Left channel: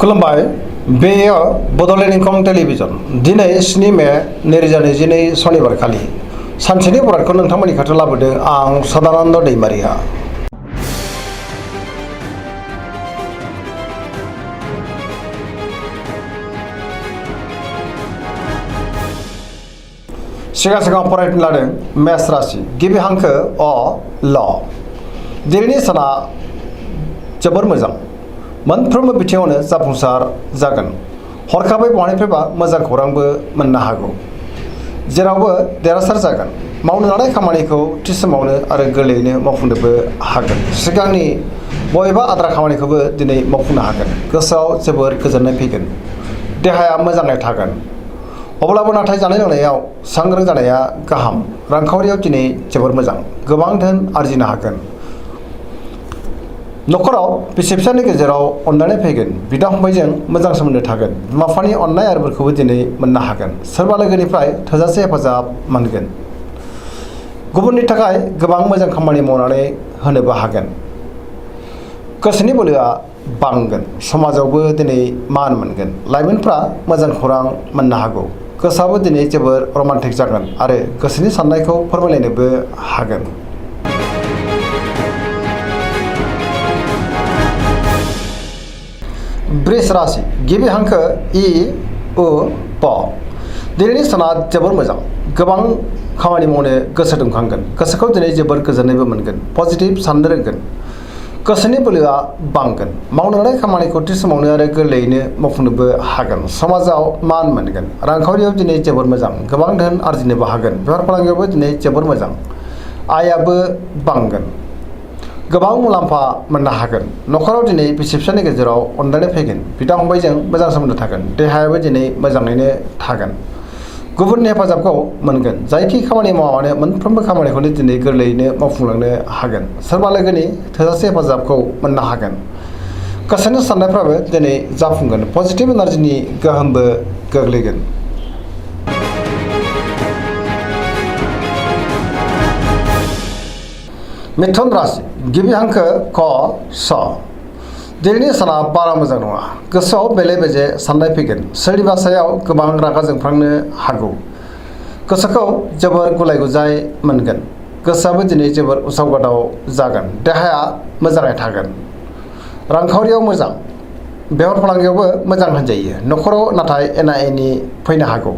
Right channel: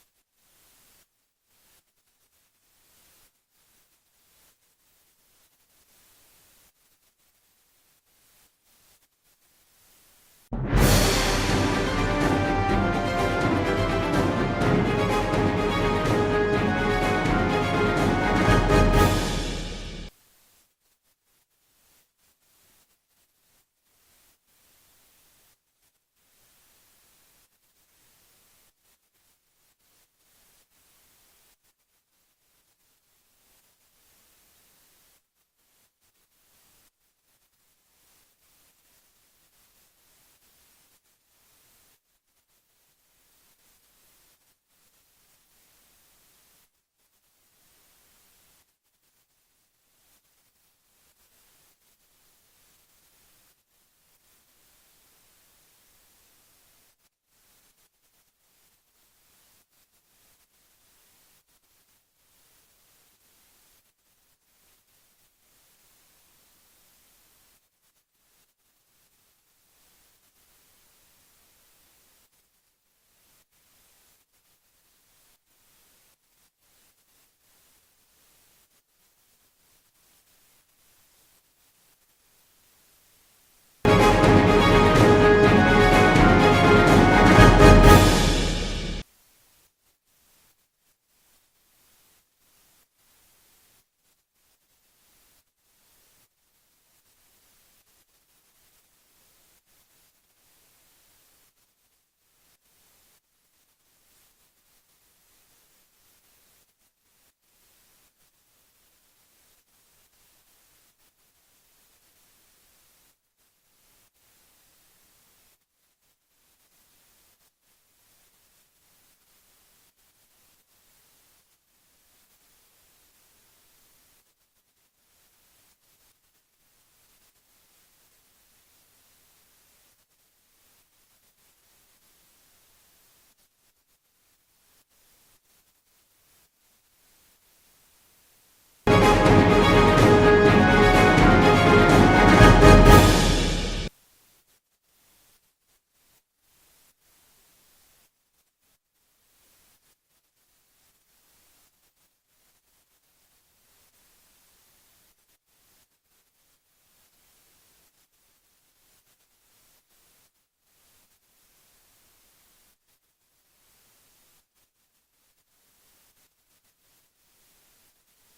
खुलुमबाय बेयो बड'लेण्ड इंखं टेलिभिजन दिनै 7 मे 2022 सनिबार खालि सानसेनि बरादखौ नोंथांमोननि खाथियाव लाबोदों आं सदानन्द दैमारिया। सिगां फरायनो लादों मेष राशि गिबि हांखो अ ल। दिनैनि साना जोबोर मोजां, मोनफ्रोमबो बिथिङावनो जाफुंसार जागोन। हरखाबै बहानिफ्रायबा मोजां खौरांबो मोननो हागौ। जेरावबो देरहासार जागोन। मावनो लानाय खामानिखौ थि समावनो आरो गोरलैयैनो मावफुंनोबो हागोन। सिगांनि बबेबा आद्रा खामानिखौबो दिनै मावफुंनो हागोन। गोसोआव जोबोर गोजोननाय फैगोन। देहाया मोजाङै थागोन। अब्लाबो नाथाय जानाय लोंनायाव सांग्रां जानाया गाहाम। रांखावरियाव दिनै जोबोर मोजां, गोबां धोन आरजिनो हागोन। न'खराव बिसि फिसायनि गेजेराव अनलायनाय फैगोन। बिदा फंबायजों मोजां सोमोन्दो थागोन। बिमा बिफानि अननाय आरो बोरखौबो दिनै मोननो हागोन। सोरबा लोगोनिफ्राय थोजासे हेफाजाब मोनगोन। गुबुननि थाखाय गोबां मोजां खामानि मावनानै होनोबो हागोन। गोसोनि बोलोआ बांगोन। समाजावबो दिनै मान मोनगोन। लाइमोनफ्रा मोजां खौरां मोननो हागौ। गोसोआबो दिनै जोबोर रमान्टिक जागोन आरो गोसोनि साननायखौ फोरमायलायनोबो हागोन। वृष राशि गिबि हांखो इ उ प। दिनैनि साना जोबोर मोजां, गोबां खामानि मावनो गोसो दुंखांगोन। गोसोखौ दिनै जोबोर गोजोननायबो मोनगोन। पजिटिभ साननो रोंगोन। गोसोनि बोलोआ बांगोन। मावनो लानाय खामानिखौ थि समावनो आरो गोरलैयैनो मावफुंनोबो हागोन। समाजाव मान मोनगोन। रांखावरियाव दिनै जोबोर मोजां, गोबां धोन आरजिनोबो हागोन। बेफार फालांगियावबो दिनै जोबोर मोजां, आयाबो बांगोन। गोबां मुलाम्फा मोननो हागोन। न'खराव दिनै बिसि फिसायनि गेजेराव अनलायनाय फैगोन। बिदा फंबायजों मोजां सोमोन्दो थागोन। देहायाबो दिनै मोजाङैनो थागोन। गुबुननि हेफाजाबखौ मोनगोन। जायखि खामानि मावा मानो मोनफ्रोमबो खामानिखौनो दिनै गोरलैयैनो मावफुंलांनो हागोन। सोरबा लोगोनि थोजासे हेफाजाबखौ मोननो हागोन। गोसोनि साननायफ्राबो दिनै जाफुंगोन। पजिटिभ एनार्जिनि गोहोमबो गोग्लैगोन। मिथुन राशि गिबि हांखो क स। दिनैनि साना बारा मोजां नङा। गोसोआव बेले बेजे साननाय फैगोन। सोरनिबा सायाव गोबां रागा जोंफ्लांनो हागौ। गोसोखौ जोबोर गुलाय गुजाय मोनगोन। गोसोआबो दिनै जोबोर उसाव बादाव जागोन। देहाया मोजाङै थागोन। रांखावरियाव मोजां। बेफार फालांगियावबो मोजां होनजायो। न'खराव नाथाय एना एनि फैनो हागौ।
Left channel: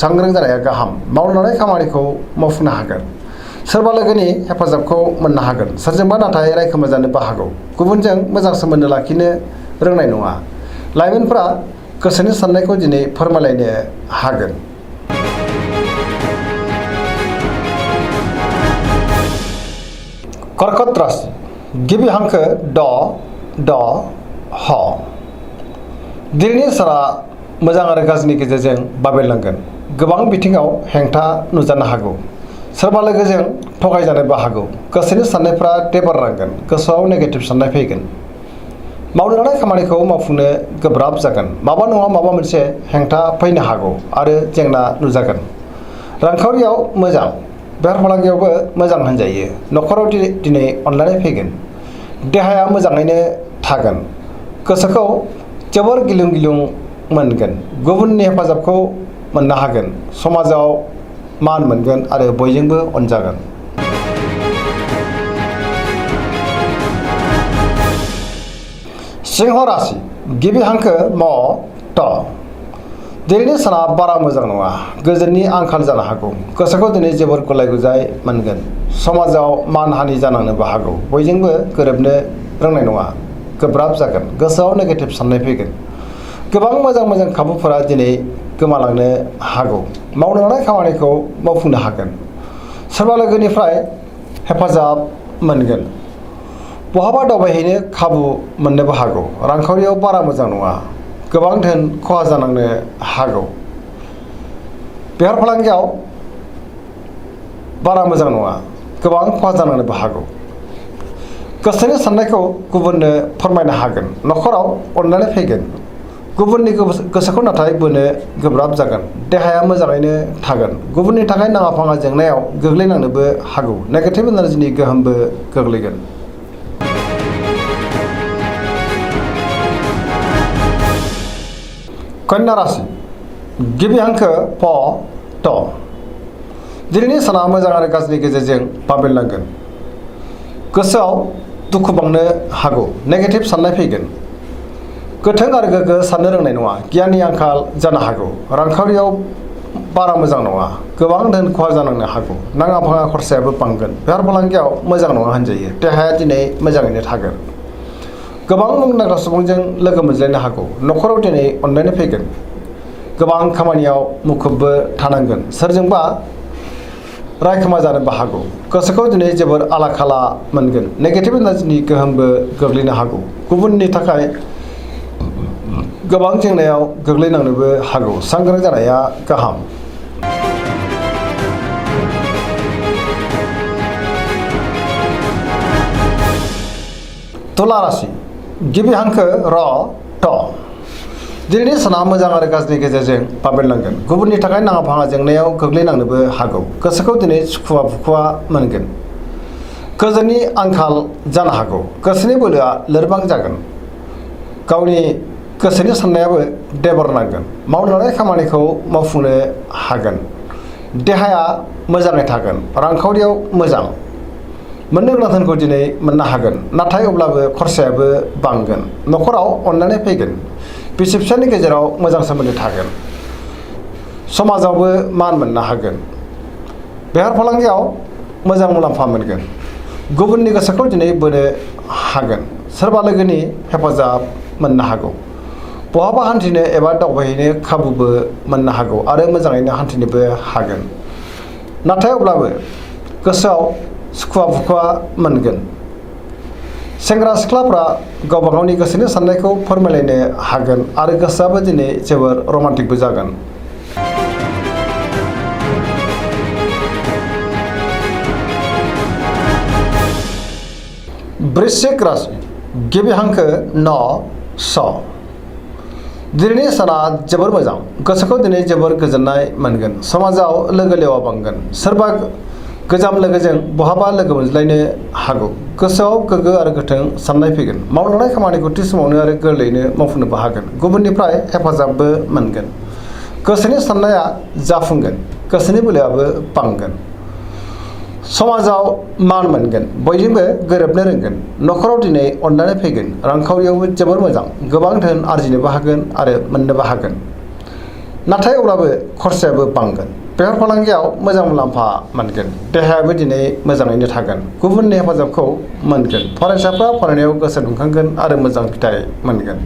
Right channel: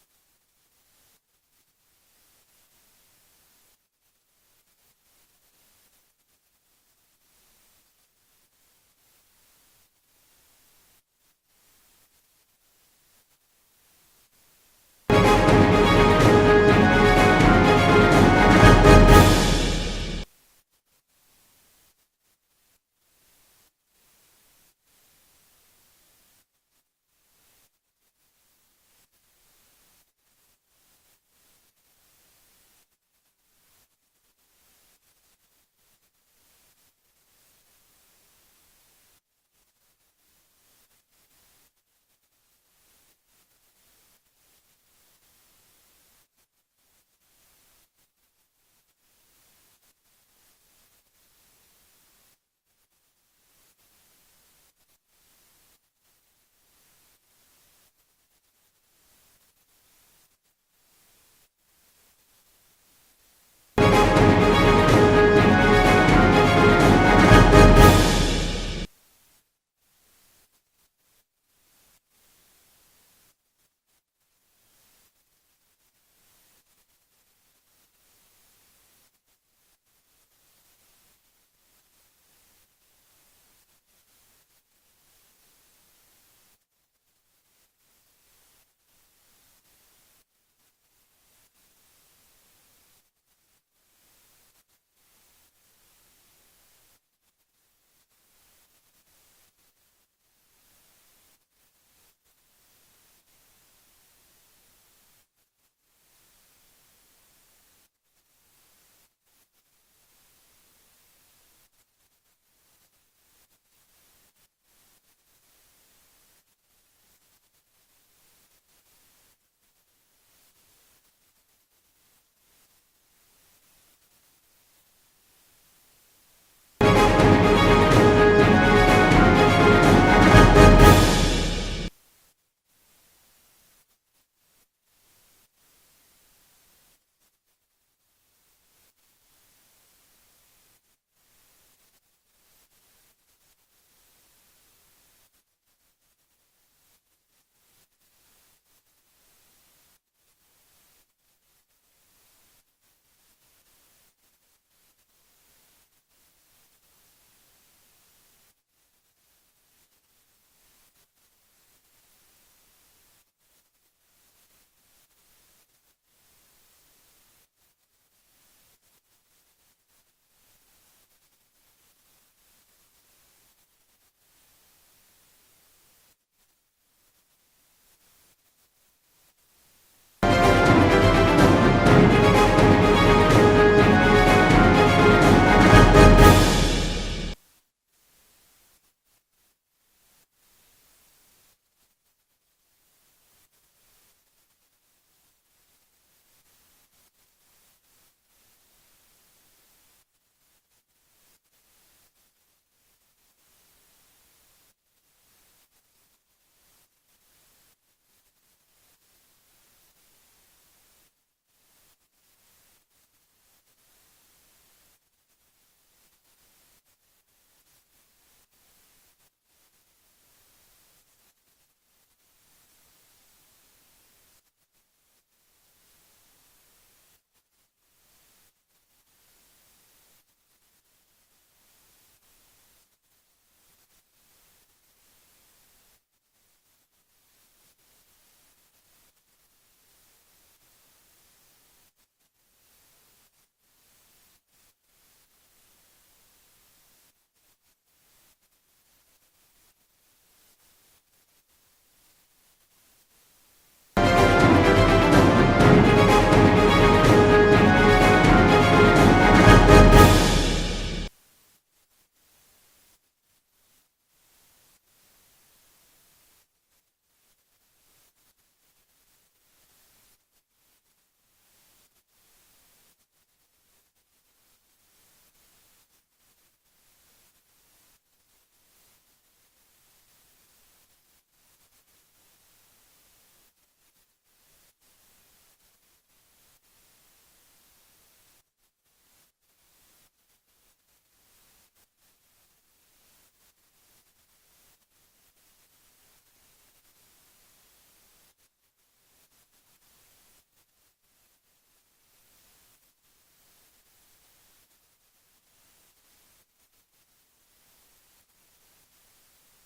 सांग्रां जानाया गाहाम। मावनो लानाय खामानिखौ मावफुंनो हागोन। सोरबा लोगोनि हेफाजाबखौ मोननो हागोन। सोरजोंबा नाथाय रायखोमा जानोबो हागौ। गुबुनजों मोजां सोमोन्दो लाखिनो रोंनाय नङा। लाइमोनफ्रा गोसोनि साननायखौ दिनै फोरमायलायनो हागोन। कर्कट राशि गिबि हांखो ड ड ह। दिनैनि साना मोजां आरो गाज्रिनि गेजेरजों बाबेरलांगोन। गोबां बिथिङाव हेंथा नुजानो हागौ। सोरबा लोगोजों थगायजानोबो हागौ। गोसोनि साननायफ्रा देबारलांगोन। गोसोआव नेगेटिभ साननाय फैगोन। मावनो लानाय खामानिखौ मावफुंनो गोब्राब जागोन। माबा नङा माबा मोनसे हेंथा फैनो हागौ आरो जेंना नुजागोन। रांखावरियाव मोजां। बेफार फालांगियावबो मोजां होनजायो। न'खराव दिनै अनलायनाय फैगोन। देहाया मोजाङैनो थागोन। गोसोखौ जोबोर गिलुं गिलुं मोनगोन। गुबुननि हेफाजाबखौ मोननो हागोन। समाजाव मान मोनगोन आरो बयजोंबो अनजागोन। सिंह राशि गिबि हांखो म ट। दिनैनि साना बारा मोजां नङा। गोजोननि आंखाल जानो हागौ। गोसोखौ दिनै जोबोर गुलाय गुजाय मोनगोन। समाजाव मान हानि जानांनोबो हागौ। बयजोंबो गोरोबनो रोंनाय नङा। गोब्राब जागोन। गोसोआव नेगेटिभ साननाय फैगोन। गोबां मोजां खाबुफोरा दिनै गोमालांनो हागौ। मावनो लानाय खामानिखौ मावफुंनो हागोन। सोरबा लोगोनिफ्राय हेफाजाब मोनगोन। बहाबा दावबायहैनो खाबु मोननोबो हागौ। रांखावरियाव बारा मोजां नङा। गोबां धोन खहा जानांनो हागौ। बेफार फालांगियाव बारा मोजां नङा। गोबां खहा जानांनोबो हागौ। गोसोनि साननायखौ गुबुननो फोरमायनो हागोन। न'खराव अनलायनाय फैगोन। गुबुननि गोसोखौ नाथाय बोनो गोब्राब जागोन। देहाया मोजाङैनो थागोन। गुबुननि थाखाय नाङा फाङा जेंनायाव गोग्लैनांनोबो हागौ। नेगेटिभ एनार्जिनि गोहोमबो गोग्लैगोन। कन्या राशि गिबि हांखो प ट दिनैनि साना मोजां आरो गाज्रिनि गेजेरजों बाबेनलांगोन गोसोआव दुखु बांनो हागौ नेगेटिभ साननाय फैगोन गोथों आरो गोग्गो साननो रोंनाय नङा गियाननि आंखाल जानो हागौ रांखावरियाव बारा मोजां नङा गोबां धोन खहा जानांनो हागौ नाङा फाङा खरसायाबो बांगोन बेफार फालांगियाव मोजां नङा होनजायो देहाया दिनै मोजाङैनो थागोन गोबां मुंदांखा सुबुंजों लोगो मोनज्लायनो हागौ न'खराव दिनै अनलायनाय फैगोन गोबां खामानियाव मुखुबबो थानांगोन सोरजोंबा रायखोमा जानोबो हागौ गोसोखौ दिनै जोबोर आला खाला मोनगोन नेगेटिभ एनार्जिनि गोहोमबो गोग्लैनो हागौ गुबुननि थाखाय गोबां जेंनायाव गोग्लैनांनोबो हागौ सांग्रां जानाया गाहाम तुला राशि गिबि हांखो र ट दिनैनि साना मोजां आरो गाज्रिनि गेजेरजों बाबेनलांगोन गुबुननि थाखाय नाङा फाङा जेंनायाव गोग्लैनांनोबो हागौ गोसोखौ दिनै सुखुवा बुखुवा मोनगोन गोजोननि आंखाल जानो हागौ गोसोनि बोलोआ लोरबां जागोन गावनि गोसोनि साननायाबो देबर नांगोन मावनो लानाय खामानिखौ मावफुंनो हागोन देहाया मोजाङै थागोन रांखावरियाव मोजां मोननो गोनां धोनखौ दिनै मोननो हागोन नाथाय अब्लाबो खरसायाबो बांगोन न'खराव अनलायनाय फैगोन बिसि फिसायनि गेजेराव मोजां सोमोन्दो थागोन समाजावबो मान मोननो हागोन बेफार फालांगियाव मोजां मुलाम्फा मोनगोन गुबुननि गोसोखौ दिनै बोनो हागोन सोरबा लोगोनि हेफाजाब मोननो हागौ बहाबा हान्थिनो एबा दावबायहैनो खाबुबो मोननो हागौ आरो मोजाङैनो हान्थिनोबो हागोन नाथाय अब्लाबो गोसोआव सुखुवा बुखुवा मोनगोन सेंग्रा सिख्लाफ्रा गावबा गावनि गोसोनि साननायखौ फोरमायलायनो हागोन आरो गोसोआबो दिनै जोबोर रमान्टिकबो जागोन वृश्चिक राशि गिबि हांखो न स दिनैनि साना जोबोर मोजां गोसोखौ दिनै जोबोर गोजोननाय मोनगोन समाजाव लोगो लेवा बांगोन सोरबा गोजाम लोगोजों बहाबा लोगो मोनज्लायनो हागौ गोसोआव गोग्गो आरो गोथों साननाय फैगोन मावनो लानाय खामानिखौ थि समावनो आरो गोरलैयैनो मावफुंनोबो हागोन गुबुननिफ्राय हेफाजाबबो मोनगोन गोसोनि साननाया जाफुंगोन गोसोनि बोलोआबो बांगोन समाजाव मान मोनगोन बयजोंबो गोरोबनो रोंगोन न'खराव दिनै अनलायनाय फैगोन रांखावरियावबो जोबोर मोजां गोबां धोन आरजिनोबो हागोन आरो मोननोबो हागोन नाथाय अब्लाबो खरसायाबो बांगोन बेफार फालांगियाव मोजां मुलाम्फा मोनगोन देहायाबो दिनै मोजाङैनो थागोन गुबुननि हेफाजाबखौ मोनगोन फरायसाफ्रा फरायनायाव गोसो दुंखांगोन आरो मोजां फिथाइ मोनगोन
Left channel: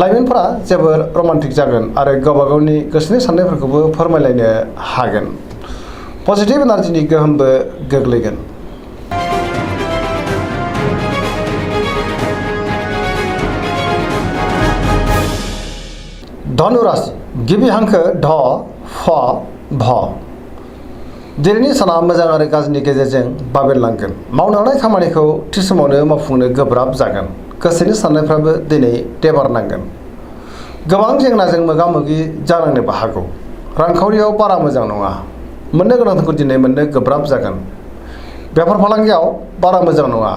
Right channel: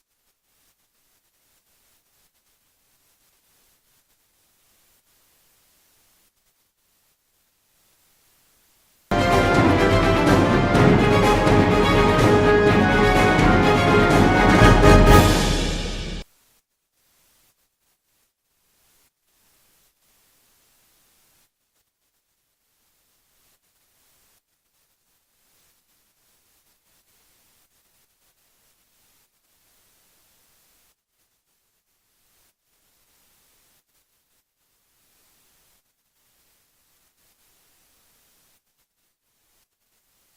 लाइमोनफोरा जोबोर रमान्टिक जागोन आरो गावबा गावनि गोसोनि साननायफोरखौबो फोरमायलायनो हागोन पजिटिभ एनार्जिनि गोहोमबो गोग्लैगोन धनु राशि गिबि हांखो ध फ भ दिनैनि साना मोजां आरो गाज्रिनि गेजेरजों बाबेनलांगोन मावनो लानाय खामानिखौ थि समावनो मावफुंनो गोब्राब जागोन गोसोनि साननायफ्राबो दिनै देबारनांगोन गोबां जेंनाजों मोगा मोगि जानांनोबो हागौ रांखावरियाव बारा मोजां नङा मोननो गोनांखौ दिनै मोननो गोब्राब जागोन बेफार फालांगियाव बारा मोजां नङा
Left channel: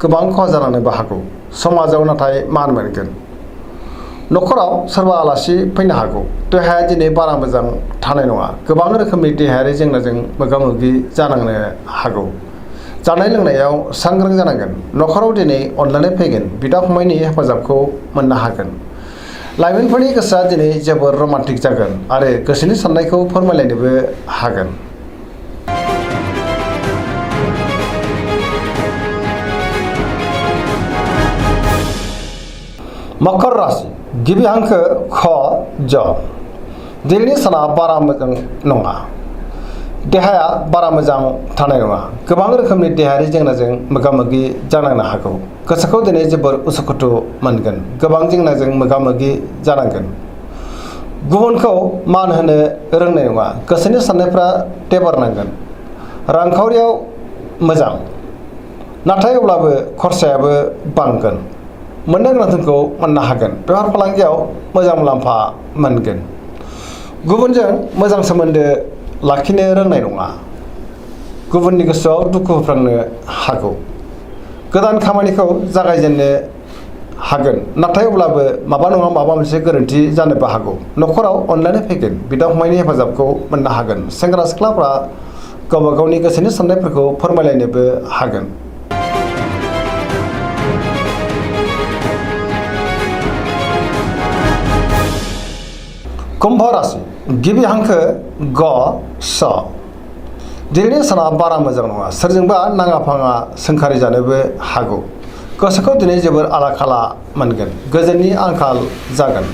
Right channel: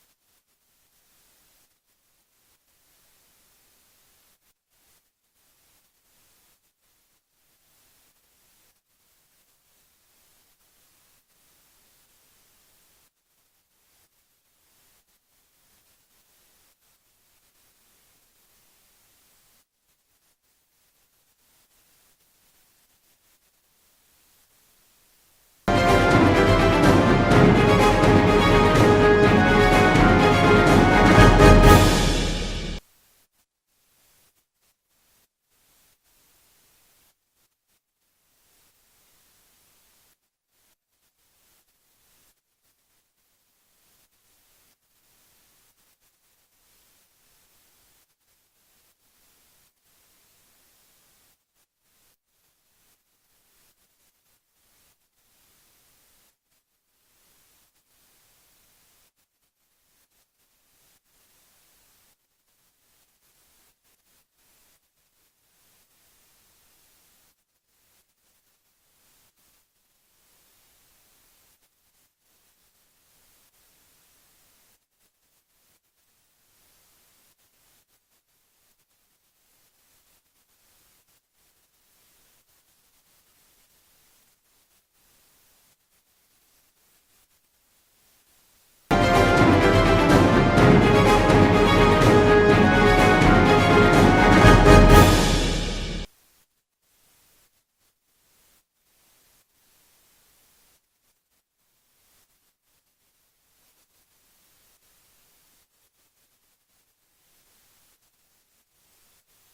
गोबां खहा जानांनोबो हागौ समाजाव नाथाय मान मोनगोन न'खराव सोरबा आलासि फैनो हागौ देहाया दिनै बारा मोजां थानाय नङा गोबां रोखोमनि देहायारि जेंनाजों मोगा मोगि जानांनो हागौ जानाय लोंनायाव सांग्रां जानांगोन न'खराव दिनै अनलायनाय फैगोन बिदा फंबायनि हेफाजाबखौ मोननो हागोन लाइमोनफोरनि गोसोआ दिनै जोबोर रमान्टिक जागोन आरो गोसोनि साननायखौ फोरमायलायनोबो हागोन मकर राशि गिबि हांखो ख ज दिनैनि साना बारा मोजां नङा देहाया बारा मोजां थानाय नङा गोबां रोखोमनि देहायारि जेंनाजों मोगा मोगि जानांनो हागौ गोसोखौ दिनै जोबोर उसुखुथु मोनगोन गोबां जेंनाजों मोगा मोगि जानांगोन गुबुनखौ मान होनो रोंनाय नङा गोसोनि साननायफ्रा देबारनांगोन रांखावरियाव मोजां नाथाय अब्लाबो खरसायाबो बांगोन मोननो गोनां धोनखौ मोननो हागोन बेफार फालांगियाव मोजां मुलाम्फा मोनगोन गुबुनजों मोजां सोमोन्दो लाखिनो रोंनाय नङा गुबुननि गोसोआव दुखु होफ्रांनो हागौ गोदान खामानिखौ जागायजेननो हागोन नाथाय अब्लाबो माबा नङा माबा मोनसे गोरोन्थि जानोबो हागौ न'खराव अनलायनाय फैगोन बिदा फंबायनि हेफाजाबखौ मोननो हागोन सेंग्रा सिख्लाफ्रा गावबा गावनि गोसोनि साननायफोरखौ फोरमायलायनोबो हागोन। कुम्भ राशि गिबि हांखो ग स दिनैनि साना बारा मोजां नङा सोरजोंबा नाङा फाङा सोंखारि जानोबो हागौ गोसोखौ दिनै जोबोर आला खाला मोनगोन गोजोननि आंखाल जागोन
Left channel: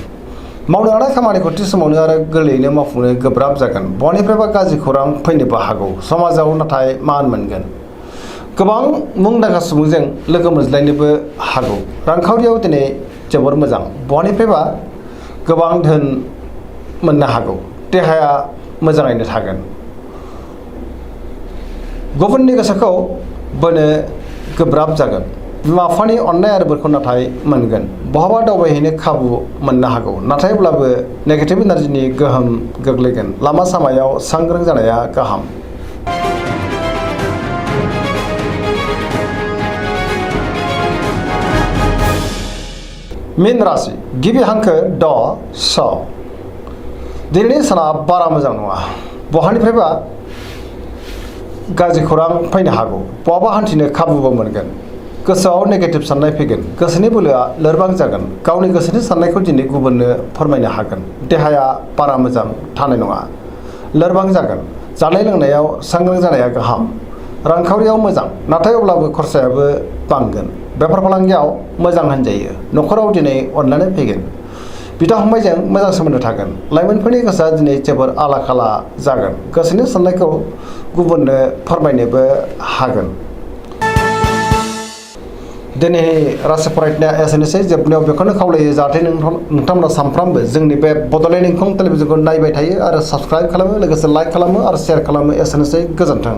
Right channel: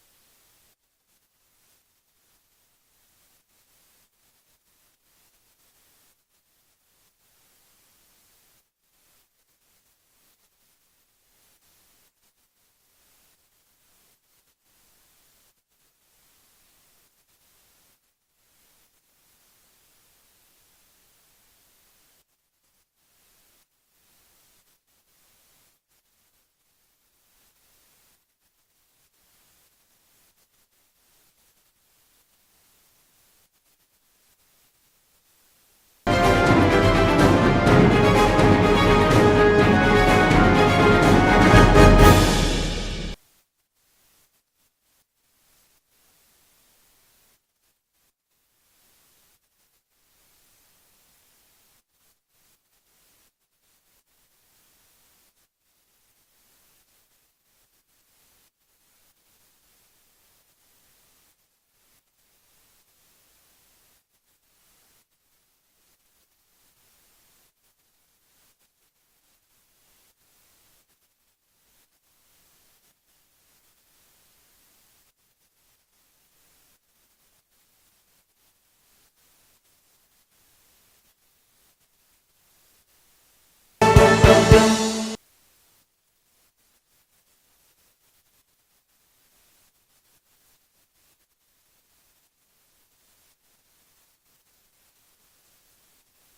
मावनो लानाय खामानिखौ थि समावनो आरो गोरलैयैनो मावफुंनो गोब्राब जागोन बहानिफ्रायबा गाज्रि खौरां फैनोबो हागौ समाजाव नाथाय मान मोनगोन गोबां मुंदांखा सुबुंजों लोगो मोनज्लायनोबो हागौ रांखावरियाव दिनै जोबोर मोजां बहानिफ्रायबा गोबां धोन मोननो हागौ देहाया मोजाङैनो थागोन गुबुननि गोसोखौ बोनो गोब्राब जागोन बिमा बिफानि अननाय आरो बोरखौ नाथाय मोनगोन बहाबा दावबायहैनो खाबु मोननो हागौ नाथायब्लाबो नेगेटिभ एनार्जिनि गोहोम गोग्लैगोन लामा सामायाव सांग्रां जानाया गाहाम। मीन राशि गिबि हांखो ड स दिनैनि साना बारा मोजां नङा बहानिफ्रायबा गाज्रि खौरां फैनो हागौ बहाबा हान्थिनो खाबुबो मोनगोन गोसोआव नेगेटिभ साननाय फैगोन गोसोनि बोलोआ लोरबां जागोन गावनि गोसोनि साननायखौ दिनै गुबुननो फोरमायनो हागोन देहाया बारा मोजां थानाय नङा लोरबां जागोन जानाय लोंनायाव सांग्रां जानाया गाहाम रांखावरियाव मोजां नाथाय अब्लाबो खरसायाबो बांगोन बेफार फालांगियाव मोजां होनजायो न'खराव दिनै अनलायनाय फैगोन बिदा फंबायजों मोजां सोमोन्दो थागोन लाइमोनफोरनि गोसोआ दिनै जोबोर आला खाला जागोन गोसोनि साननायखौ गुबुननो फोरमायनोबो हागोन। दिनै राशि फरायनाया एसेनोसै जोबनायाव बेखौनो खावलायो जाहाथे नोंथांमोना सानफ्रामबो जोंनि बे बड'लेण्ड इंखं टेलिभिजनखौ नायबाय थायो आरो साबस्क्राइब खालामो लोगोसे लाइक खालामो आरो शेयार खालामो एसेनोसै गोजोन्थों।